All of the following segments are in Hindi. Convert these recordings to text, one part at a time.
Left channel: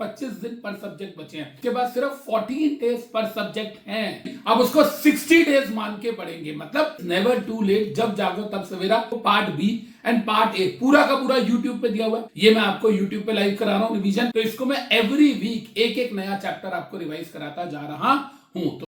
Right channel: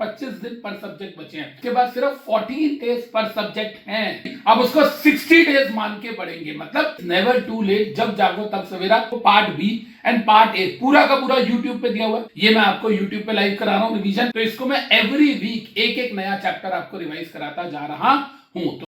25 दिन पर सब्जेक्ट बचे हैं, उसके बाद सिर्फ 14 डेज पर सब्जेक्ट हैं। अब उसको 60 डेज मान के पढ़ेंगे, मतलब नेवर टू लेट, जब जागो तब सवेरा। Part B and part A पूरा का पूरा यूट्यूब पे दिया हुआ है। ये मैं आपको यूट्यूब पे लाइव करा रहा हूँ रिवीजन। तो इसको मैं एवरी वीक एक एक नया चैप्टर आपको रिवाइज कराता जा रहा हूँ। तो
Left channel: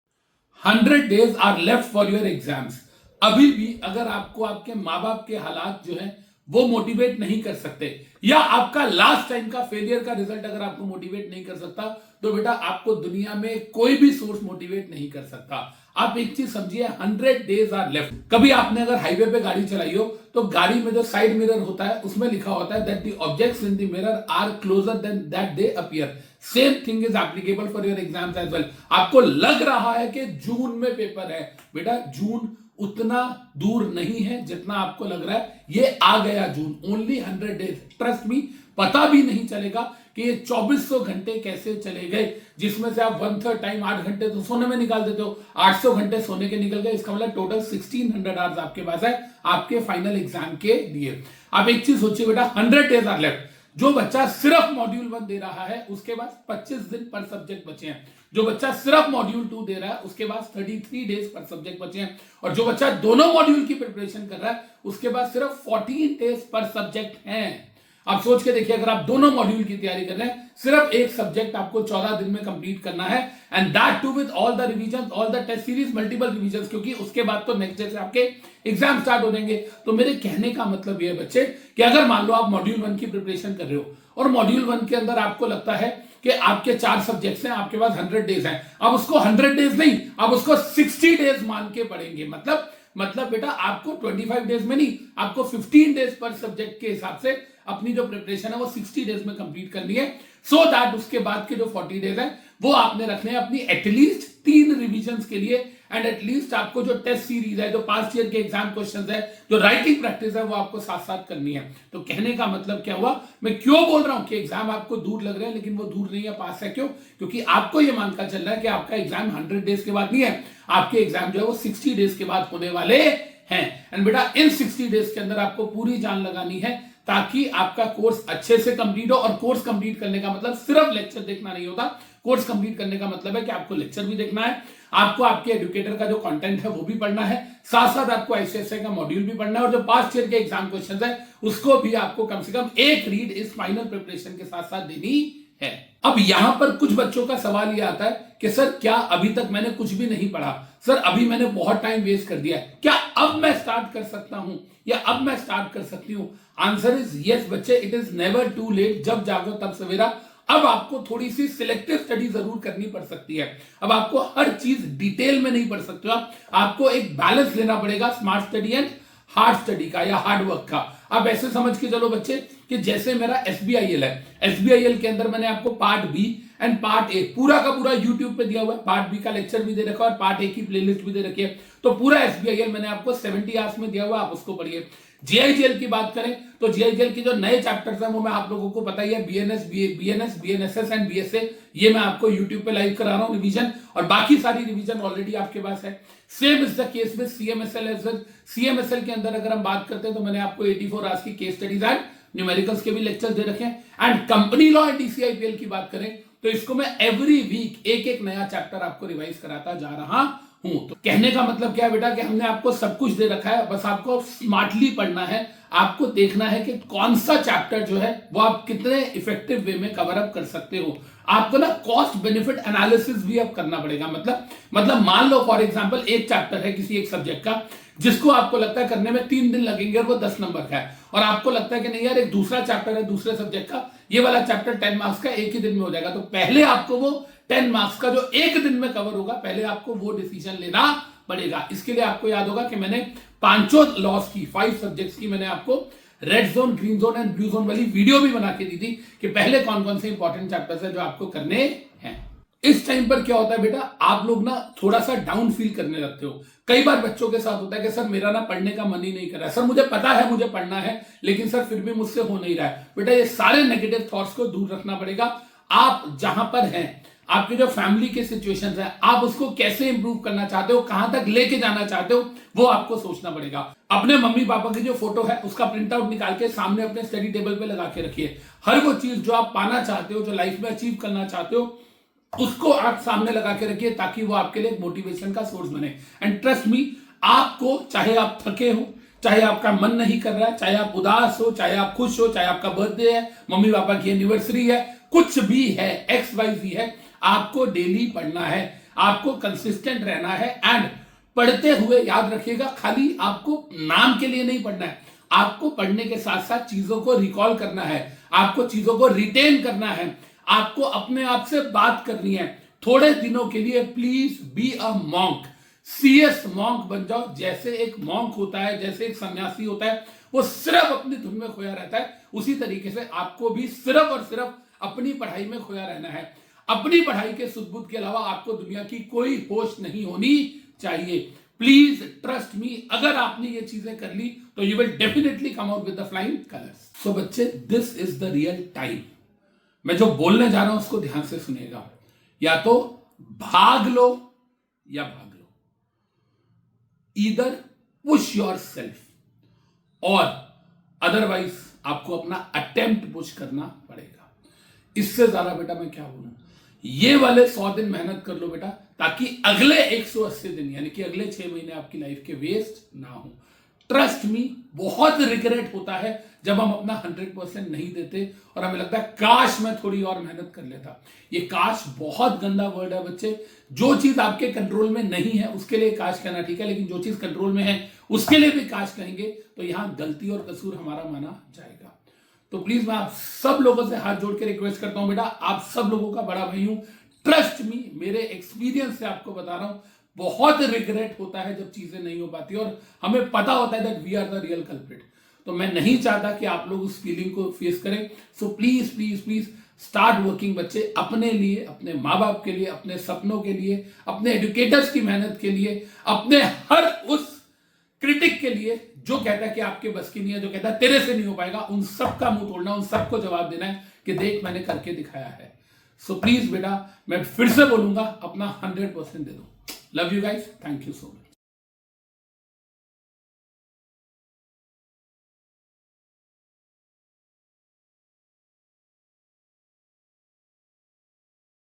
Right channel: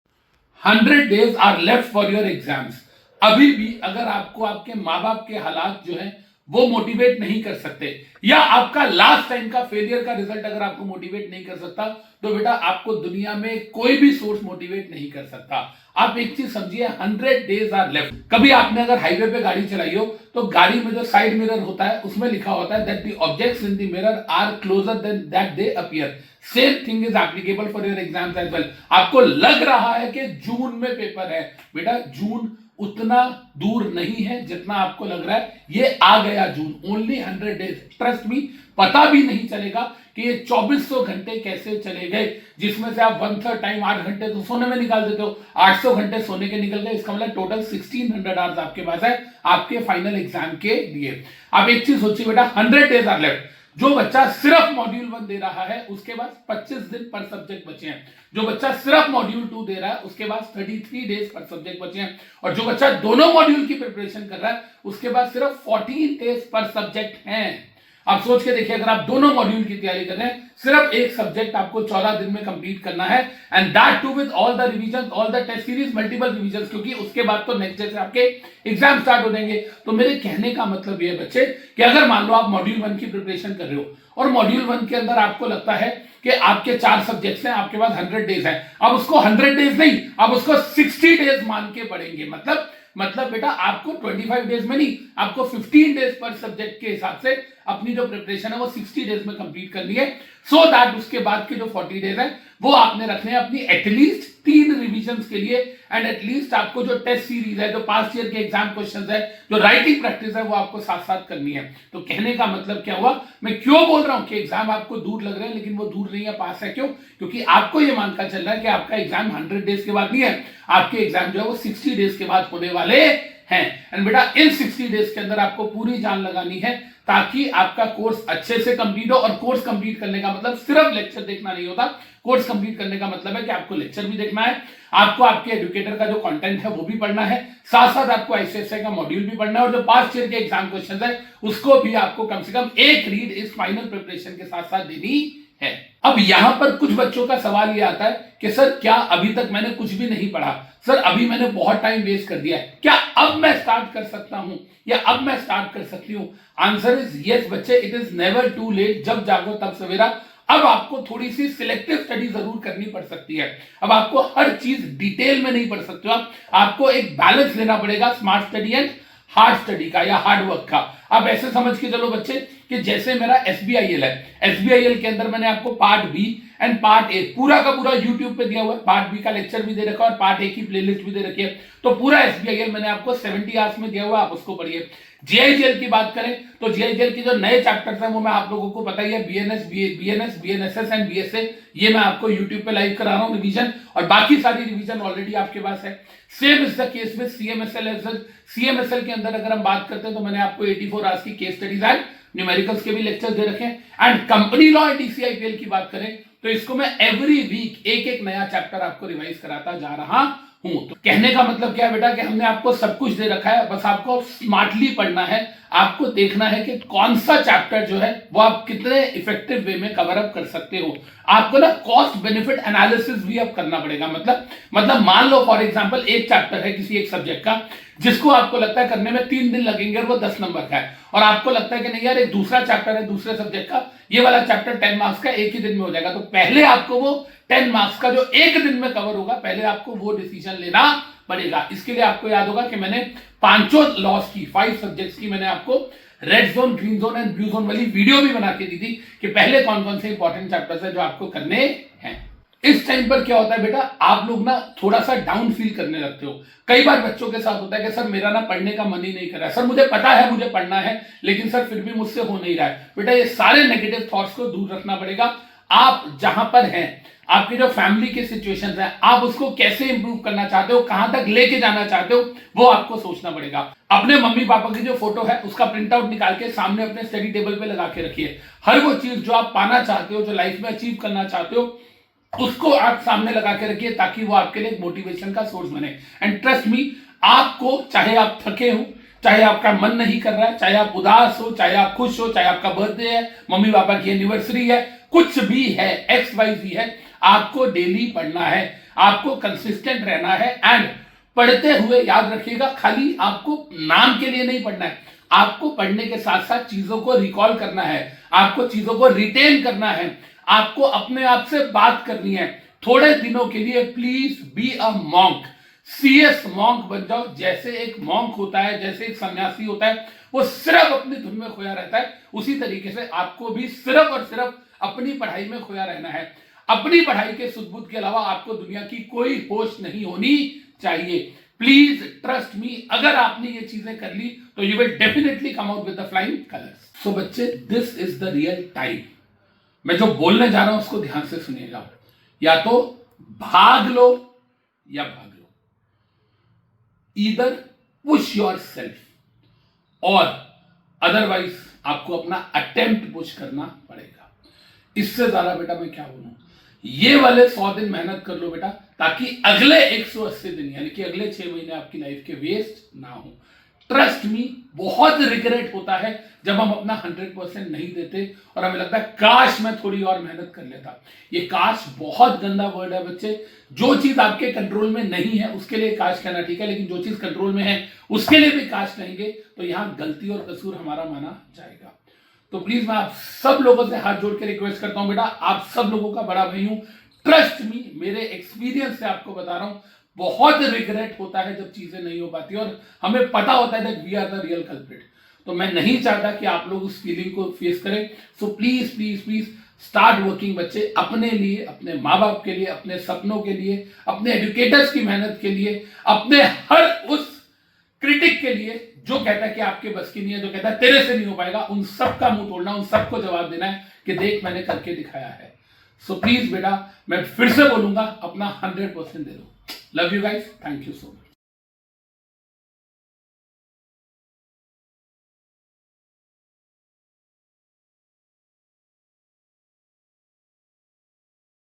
100 days are left for your exams. अभी भी अगर आपको आपके माँ बाप के हालात जो है वो मोटिवेट नहीं कर सकते, या आपका लास्ट टाइम का फेलियर का रिजल्ट अगर आपको मोटिवेट नहीं कर सकता, तो बेटा आपको दुनिया में कोई भी सोर्स मोटिवेट नहीं कर सकता। आप एक चीज समझिए, 100 डेज आर लेफ्ट। कभी आपने अगर हाईवे पे गाड़ी चलाई हो तो गाड़ी में जो साइड मिरर होता है उसमें लिखा होता है that the objects in the mirror are closer than that they appear. Same thing is applicable for your exams as well. आपको लग रहा है कि जून में पेपर है, बेटा जून उतना दूर नहीं है जितना आपको लग रहा है। ये आ गया जून, ओनली 100 डेज। ट्रस्ट मी, पता भी नहीं चलेगा कि ये 2400 घंटे कैसे चले गए, जिसमें से आप 1/3 टाइम 8 घंटे तो सोने में निकाल देते हो, 800 घंटे सोने के निकल गए। इसका मतलब टोटल 1600 आवर्स आपके पास है आपके फाइनल एग्जाम के लिए। आप एक चीज सोचिए बेटा, 100 डेज आर लेफ्ट। जो बच्चा सिर्फ मॉड्यूल 1 दे रहा है उसके बाद 25 दिन पर सब्जेक्ट बचे हैं। जो बच्चा सिर्फ मॉड्यूल 2 दे रहा है उसके बाद 33 डेज पर सब्जेक्ट बचे हैं। और जो बच्चा दोनों मॉड्यूल की प्रिपरेशन कर रहा है उसके बाद सिर्फ 14 डेज पर सब्जेक्ट हैं। आप सोच के देखिए, अगर आप दोनों मॉड्यूल की तैयारी कर रहे हैं, सिर्फ एक सब्जेक्ट आपको 14 दिन में कंप्लीट करना है, and that too with all the revision, all the test series, multiple revision, क्योंकि उसके बाद तो नेक्स्ट डे से आपके एग्जाम स्टार्ट हो जाएंगे। तो मेरे कहने का मतलब ये है बच्चे कि अगर मान लो आप मॉड्यूल 1 की प्रिपरेशन कर रहे हो और मॉड्यूल 1 के अंदर आपको लगता है कि आपके 4 सब्जेक्ट्स हैं, आपके पास 100 डेज हैं, अब उसको 100 डेज नहीं, अब उसको 60 डेज मान के पढ़ेंगे। मतलब बेटा आपको 25 डेज में नहीं, आपको 15 डेज पर सब्जेक्ट के हिसाब से अपनी जो प्रिपरेशन है वो 60 डेज में कंप्लीट करनी है, सो दैट उसके बाद के जो 40 डेज है वो आपने रखने हैं अपनी एटलीस्ट 3 रिवीजन्स के लिए, एंड एटलीस्ट आपको जो टेस्ट सीरीज है, जो पास्ट ईयर के एग्जाम क्वेश्चंस है, जो राइटिंग प्रैक्टिस है, वो आपको साथ साथ करनी है। तो कहने का मतलब क्या हुआ, मैं क्यों बोल रहा हूं कि एग्जाम आपको दूर लग रहे हैं लेकिन वो दूर नहीं है, पास है। क्यों? क्योंकि आपको ये मानकर चल रहा है कि आपका एग्जाम 100 डेज के बाद नहीं है, आपके एग्जाम जो है वो 60 डेज के बाद होने वाले हैं। एंड बेटा इन 60 डेज के अंदर आपको पूरी जान लगानी है ताकि आपका कोर्स अच्छे से कंप्लीट हो। और कोर्स कंप्लीट करने का मतलब सिर्फ लेक्चर देखना नहीं होता। कोर्स कंप्लीट करने का मतलब है कि आपको लेक्चर भी देखना है, आपको आपके एजुकेटर का जो कंटेंट है वो भी पढ़ना है, साथ साथ आपको आईसीएसआई का मॉड्यूल भी पढ़ना है, और जो पास्ट ईयर के एग्जाम क्वेश्चंस है उसको भी आपको कम से कम एक रीड इस फाइनल प्रिपरेशन के साथ साथ देनी है। अब यहां पर कुछ बच्चों का सवाल ये आता है कि सर क्या अभी तक मैंने कुछ भी नहीं पढ़ा, सर अभी मैंने बहुत टाइम वेस्ट कर दिया है, क्या अब मैं स्टार्ट कर सकता हूं या अब मैं स्टार्ट कर सकती हूं? आंसर इज यस बच्चे, it is never too late, जब जागो तब सवेरा। अब आपको थोड़ी सी सिलेक्टिव स्टडी जरूर करनी पड़ सकती है। अब आपको हर चीज डिटेल में नहीं पढ़ सकते हो, आपको एक बैलेंस लेना पड़ेगा smart study and hard study का या हार्ड वर्क का। अब ऐसे समझ के चलो बच्चे कि जैसे मेरा एसबीआईएल है, एसबीआईएल के अंदर मैंने आपको part B and part A पूरा का पूरा यूट्यूब पे दिया हुआ है। पार्ट बी का लेक्चर भी दे रखा है और पार्ट ए की प्लेलिस्ट भी दे रखी है। तो पूरा एसबीआईएल मैंने आपको 70 आवर्स में दिया हुआ है, आप उसको पढ़िए। जीआईजीएल की बात करें तो जीआईजीएल की जो नए चैप्टर्स हैं वो मैं आप लोगों को पता ही है, बीएनएस, बीएनएसएस एंड बीएसए, ये मैं आपको यूट्यूब पे लाइव करा रहा हूं रिवीजन, और बाकी सारी रिवीजन ऑलरेडी आपके पास है। Same is the case with CMSL. CMSL के अंदर अगर हम बात करते हैं तो मैंने आपको 84 आवर्स की केस स्टडीज एंड न्यूमेरिकल्स के भी लेक्चर्स दे रखे हैं। एंड कंपनी लॉ एंड डीसीआईपीएल की बात करें तो इसको मैं एवरी वीक एक एक नया चैप्टर आपको रिवाइज कराता जा रहा हूं। तो कहने का मतलब क्या है बेटा कि हमने आपको सब कुछ दे रखा है, बस आपको स्मार्टली पढ़ना है। आपको देखना है कि कौन सा चैप्टर जो है वो आप कितने इफेक्टिव वे में कवर अप कर सकते हो। आपको ना कॉस्ट बेनिफिट एनालिसिस भी अब करना पड़ेगा। मतलब मान लो फॉर एग्जांपल एक चैप्टर है किसी एक सब्जेक्ट का जिसको आपको लगता है करने में 3 दिन लगेंगे और वो 10 नंबर का है, और आपको लगता है कि नहीं यार एक दूसरा चैप्टर है दूसरे सब्जेक्ट का, ये वाला चैप्टर 10 मार्क्स का एक ही दिन में हो जाएगा। तो पहले आपको वो 10 मार्क्स का जो एक दिन में कवर होगा, पहले आपको वो डिसीजन लेना पड़ेगा। इसके लिए आपको याद होगा कि मैंने 5 लॉस की 5 सब्जेक्ट्स की मैंने आपको red zone, green zone and blue zone वाली वीडियो भी बना के दी थी कि पहले कौन कौन से इंपॉर्टेंट चैप्टर्स है जो आपको करने हैं। इस टाइम पर क्या होता है बेटा, आप लोग ना थोड़ा सा डाउन फील करने लगते हो। कई बार बच्चों के साथ होता है कि सर मेरा ना पढ़ने का मन ही नहीं कर रहा है, सर मुझे पता है मुझे पढ़ना है लेकिन सर फिर भी मुझसे हो नहीं रहा है। बेटा ये सारे नेगेटिव थॉट्स को दूर रखना पड़ेगा। आप जहां पर हैं, आपकी जो फैमिली की सिचुएशंस है, आप उसको कैसे इंप्रूव करना चाहते हो, कहां तक लेके जाना चाहते हो, वो आपको सोचना पड़ेगा। अपने मम्मी पापा की जो फोटो है उसका प्रिंट आउट निकाल के सामने अपने स्टडी टेबल पे लगा के रखिए। हर वो चीज जो आप पाना चाहते हो, जो लाइफ में अचीव करना चाहते हो, उसको आप सामने लगा के रखिए ताकि वो आपके लिए एक मोटिवेशन का सोर्स बने। एंड ट्रस्ट मी, आपको चाहे आप थके हो, चाहे आपका मन नहीं कर रहा है, चाहे आप उदास हो, चाहे आप खुश हो, चाहे आपका बर्थडे है, मम्मी पापा की एनिवर्सरी है, कुछ भी है, XYZ है, आपको डेली पढ़ना है, आपको कंसिस्टेंट रहना है। एंड पढ़ते हुए याद रखिएगा, खाली आपको नाम के लिए नहीं पढ़ना है, आपको पढ़ने के साथ साथ चीजों को रिकॉल करना है, आपको चीजों को रिटेन करना है, आपको अपने आप से बात करनी है। थोड़े दिनों के लिए please be a monk, CS monk बन जाओ। जैसे एक मॉन्क होता है, जैसे एक सन्यासी होता है, वो सिर्फ अपनी धुन में खोया रहता है, उसी तरीके से आपको भी सिर्फ और सिर्फ अपनी पढ़ाई में खोया रहना है। अपनी पढ़ाई के सुध-बुध के अलावा आपको दुनिया की कोई होश नहीं होनी चाहिए। प्लीज ट्रस्ट मी, अगर आपने ये चीजें कर ली तो you will definitely come out with the flying colours. So बच्चे, this is the real time. मैं जो बोलने जा रहा हूं उसको ध्यान से सुनिएगा। या तो भाग लो या भाग लो, ईदर पुश योर सेल्फ और अदरवाइज आपको अपना अटेम्प्ट पुश करना पड़ेगा। इससे ज्यादा बेटा मैं क्या बोलूं, ये वाले 100 दिन मेहनत कर लो बेटा, ताकि अगले 180 दिन यानी कि अगले 6 महीने आपकी लाइफ के वेस्ट ना हो। ट्रस्ट मी, बहुत रिग्रेट होता है जब हम अपना 100% नहीं देते और हमें लगता है काश मैं थोड़ी और मेहनत कर लेता। ये काश बहुत गंदा वर्ड है बच्चे। जो चीज आपके कंट्रोल में नहीं है उसके लिए काश कहना ठीक है, लेकिन जो चीज कंट्रोल में है उसके लिए भी काश कहेंगे तो यहां गलती और कसूर हमारा माना जाएगा। तो प्लीज मैं आप सब लोगों से हाथ जोड़ के रिक्वेस्ट करता हूं बेटा, आप सब लोगों का बड़ा भाई हूं। ट्रस्ट मी, मेरे एक्सपीरियंस से आपको बता रहा हूं, बहुत रिग्रेट होता है जब चीजें नहीं हो पाती और हमें पता होता है that we are the real culprit. तो मैं नहीं चाहता कि आप लोग उस फीलिंग को फेस करें। So please please please start working बच्चे, अपने लिए, अपने माँ बाप के लिए, अपने सपनों के लिए, अपने एजुकेटर्स की मेहनत के लिए, अपने हर उस क्रिटिक के लिए जो कहता है कि आपके बस की नहीं है, जो कहता है तेरे से नहीं हो पाएगा, उन सब का मुंह तोड़ना, उन सबको जवाब देना है कि देख मैंने करके दिखाया है। सो प्लीज बेटा, मैं फिर से बोलूंगा, अपना 100% दे दो। Love you guys, thank you so much.